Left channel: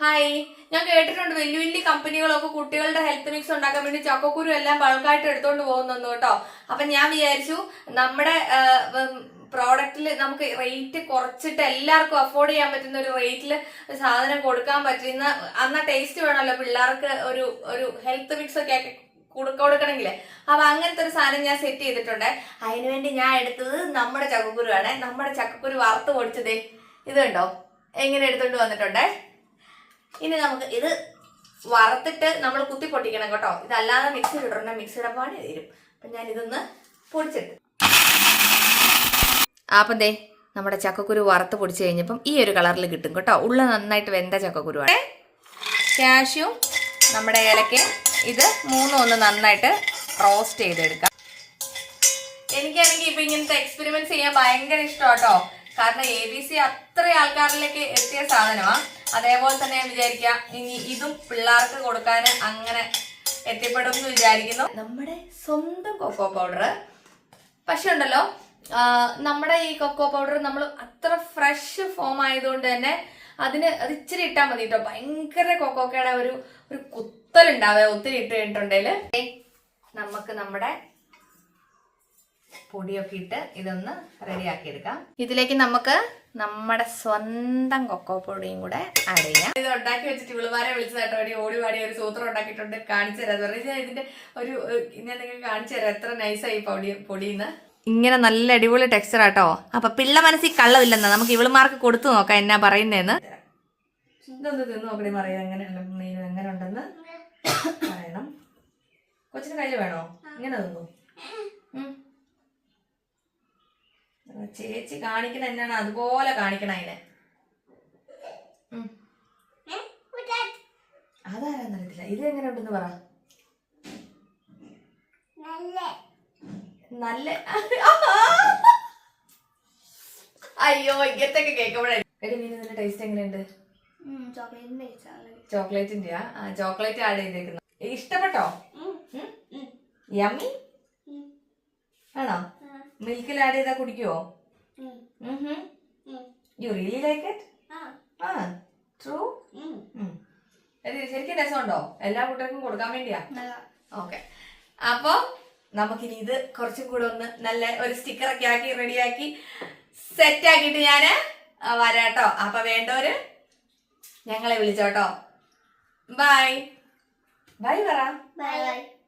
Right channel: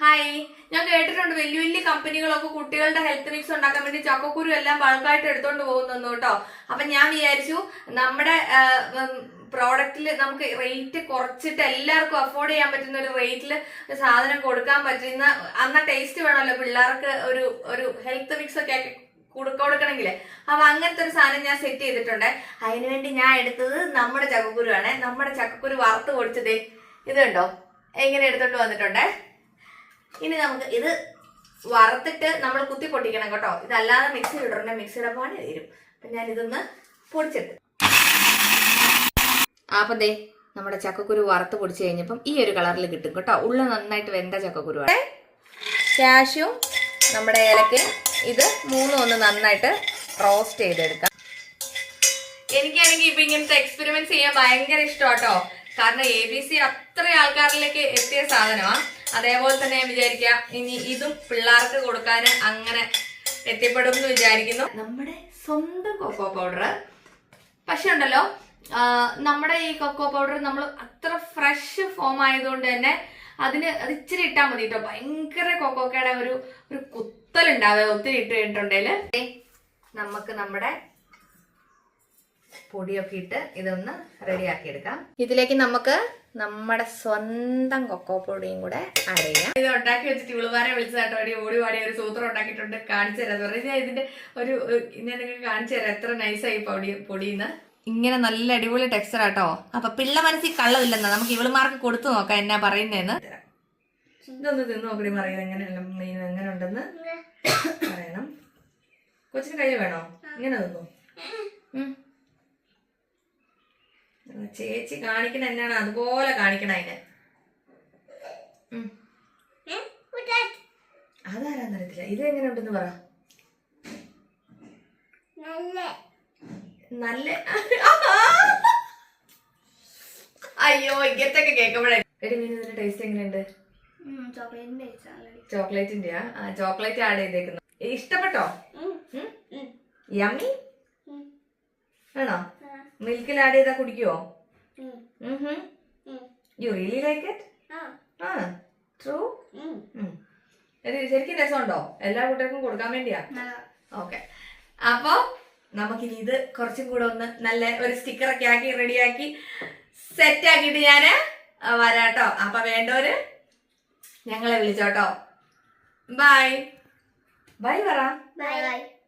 Hi ഞാൻ കേട്ടിട്ടുണ്ട് വലിയ വലിയ കമ്പനികളൊക്കെ കുട്ടികളുടെ ഹെൽത്ത് മിക്സ് ഉണ്ടാക്കാൻ വേണ്ടി ചക്കക്കുരു എല്ലാം ബൾക്കായിട്ട് എടുത്തോണ്ട് പോകുന്നു കേട്ടോ. അപ്പൊ ഞാൻ വിചാരിച്ചു നമ്മുടെ പ്രോഡക്റ്റിൽ നമുക്ക് റേറ്റ് കുറച്ചിട്ട് എല്ലാവർക്കും അഫോർഡ് ചെയ്യാൻ പറ്റുന്ന ഒരു റേറ്റിൽ സാധനം കൊടുക്കാൻ പറ്റുന്ന അന്ന ടേസ്റ്റ് വേണമല്ലോ പിള്ളേർക്ക് ഒരു ഒരു ഹെൽത്ത് മിക്സ് ഒക്കെ കൊടുക്കണമെങ്കിൽ അപ്പൊ അങ്ങനത്തെ ഒരു സാധനം ഞാൻ സെറ്റ് ചെയ്തിട്ടുണ്ട്. അതിനുവേണ്ടി ഞാൻ എടുത്തത് നമ്മുടെ ചക്കക്കുരു ആണ് നമ്മുടെ ചക്കക്കുരു വറുത്ത് പൊടിച്ചത്. ഇതുണ്ടോ എങ്ങനെ എടുത്തോണ്ട് വന്നിട്ടുണ്ടേ? ഇനി നമുക്ക് ഇത് വറുത്തിട്ട് നമ്മൾ കുത്തി പൊട്ടിക്കണം കേട്ടോ. ഇതല്ലാതെ മിക്സി ഇടണ്ട മിക്സിയുടെ പണി തരും അപ്പൊ ഞാൻ ഇതൊന്ന് പൊടിച്ചിട്ട് അപ്പം ദേ നമ്മുടെ ചക്കക്കുരു വറുത്ത് പൊടിച്ച് കഴിഞ്ഞപ്പം ഈ ഒരു കളറിൽ കിട്ടും കേട്ടോ. ഉള്ള നന്നായിട്ട് വെന്ത ചക്കക്കുരുവാണ് കാഷ്യും നമ്മുടെ ഏലക്കയും ഇത് മൂന്നും ഒന്ന് നന്നായിട്ട് റോസ്റ്റ് ചെയ്തെടുക്കാം. എനിക്കാണെങ്കിൽ ഇപ്പൊ ഇങ്ങനത്തെ എക്സ്പെരിമെന്റ് ചെയ്യാൻ ഭയങ്കര ഇഷ്ടം കേട്ടോ കാരണം എ ബി സി അത്ര ആൾക്കാരിലേക്ക് എത്തിയ സാധനമാണ് അതേപോലെ തന്നെ വിചാരിക്കാം ഇനി ഇതും പിള്ളേർക്ക് കൊടുക്കാൻ അങ്ങനെ എത്തിപ്പെടും എന്ന് വിചാരിക്കുന്നു. നമ്മുടെ സ്വന്തം കൊക്കോ പൗഡർ പക്ഷെ ഉണ്ടല്ലോ നമ്മുടെ ഈ കൊക്കോ പൗഡർ നമ്മൾ അത്ര ഫ്രഷ് ഫോം ആയതുകൊണ്ട് തന്നെ അതിന് അത് ഇച്ചിരി ഇട്ടാൽ മതി കേട്ടോ ഭയങ്കര കൊക്കോക്കയുടെ ഒരു ഒരു കുത്തലുണ്ടാവുക ഒത്തിരി ഇട്ട് കഴിഞ്ഞിട്ടുണ്ടെങ്കിൽ നമുക്ക് നമ്മുടെ പൊടിയൊക്കെ ഇട്ട് ഇതൊന്ന് റെഡിയാക്കി എടുക്കാം ഇതിലേക്ക് നമുക്ക് നമ്മുടെ സ്വന്തം കൊക്കോ പൊടിയും കൂടെ ആഡ് ചെയ്യാം. ഇത് ഉണ്ടാക്കി വെച്ചിട്ട് ഇവിളുമാരെ വിളിച്ചതാട്ടോ. അടി ഓടി പാടി ഒരു സൂത്രം ഉണ്ടാക്കിയിട്ടുണ്ട്. കാണിച്ചു തരാം. പറഞ്ഞാൽ ഇതിന്റെ ഒരു ഞാൻ നിങ്ങൾക്ക് കാണിച്ചു തരാം. എത്ര നൈസായി പൊടി പൊടിയെന്ന്. ഇങ്ങനെ നല്ല അടിപൊളി ടെക്സ്ചർ ആട്ടോ. അപ്പൊ പിള്ള മനസ്സിൽ കള്ളമില്ലെന്നാ നമുക്ക് ഇവളുമാർക്ക് കൊടുത്തു നോക്കാം എന്നാ പറയുന്നതെന്ന് ഇതൊന്ന് തിന്നു നോക്കി പറയുന്നത് എങ്ങനെ എങ്ങനെ ഉണ്ടെന്ന് പറയണം. കൊച്ചിന് കൈ വേണോ? ഇങ്ങനെ തിന്നു. ചേച്ചി കാണിക്കണ എന്നാണ് അതുപോലെ കാണിക്കണ അതിനെ. അതാരാന്നറിയത്തില്ല ഇത് എങ്ങനെ ഉണ്ടെന്ന് പറ. നല്ല. അയ്യോ ഇങ്ങനത്തൊക്കെ കേൾക്കുമ്പോഴേ. എടി മീൻ ഇതിന്റെ ടേസ്റ്റ് എങ്ങനെയുണ്ട്? ചോക്ലേറ്റിന്റെ ആ ചോക്ലേറ്റ് ആഡ് ചെയ്തേക്കുന്നത് ഇഷ്ടപ്പെട്ടോ? യമ്മി? ആണോ? മിൽക്കിൽ ആഡ് ചെയ്താ കുടിക്കുവോ യു റിയലി ലൈക്ക് ഇറ്റ് ആ. ട്രൂ ശരിക്കും രസമുണ്ടോ? എല്ലാ കുട്ടികൾക്കും കൊടുക്കാൻ വേണ്ടിയാ? ഓക്കെ. അപ്പൊ നമുക്കിനി ഇത് കുറച്ചും കൂടെ ഒന്ന് നല്ല ഒരു സ്റ്റിക്കറൊക്കെ ആക്കി റെഡിയാക്കി സെറ്റ് ആക്കിയിട്ട് ഞാൻ വരാട്ടോ. അപ്പൊ വേണ്ടവര് ഞങ്ങളെ വിളിച്ചോട്ടോ. ബൈ ബൈ പറ ബൈ ബൈ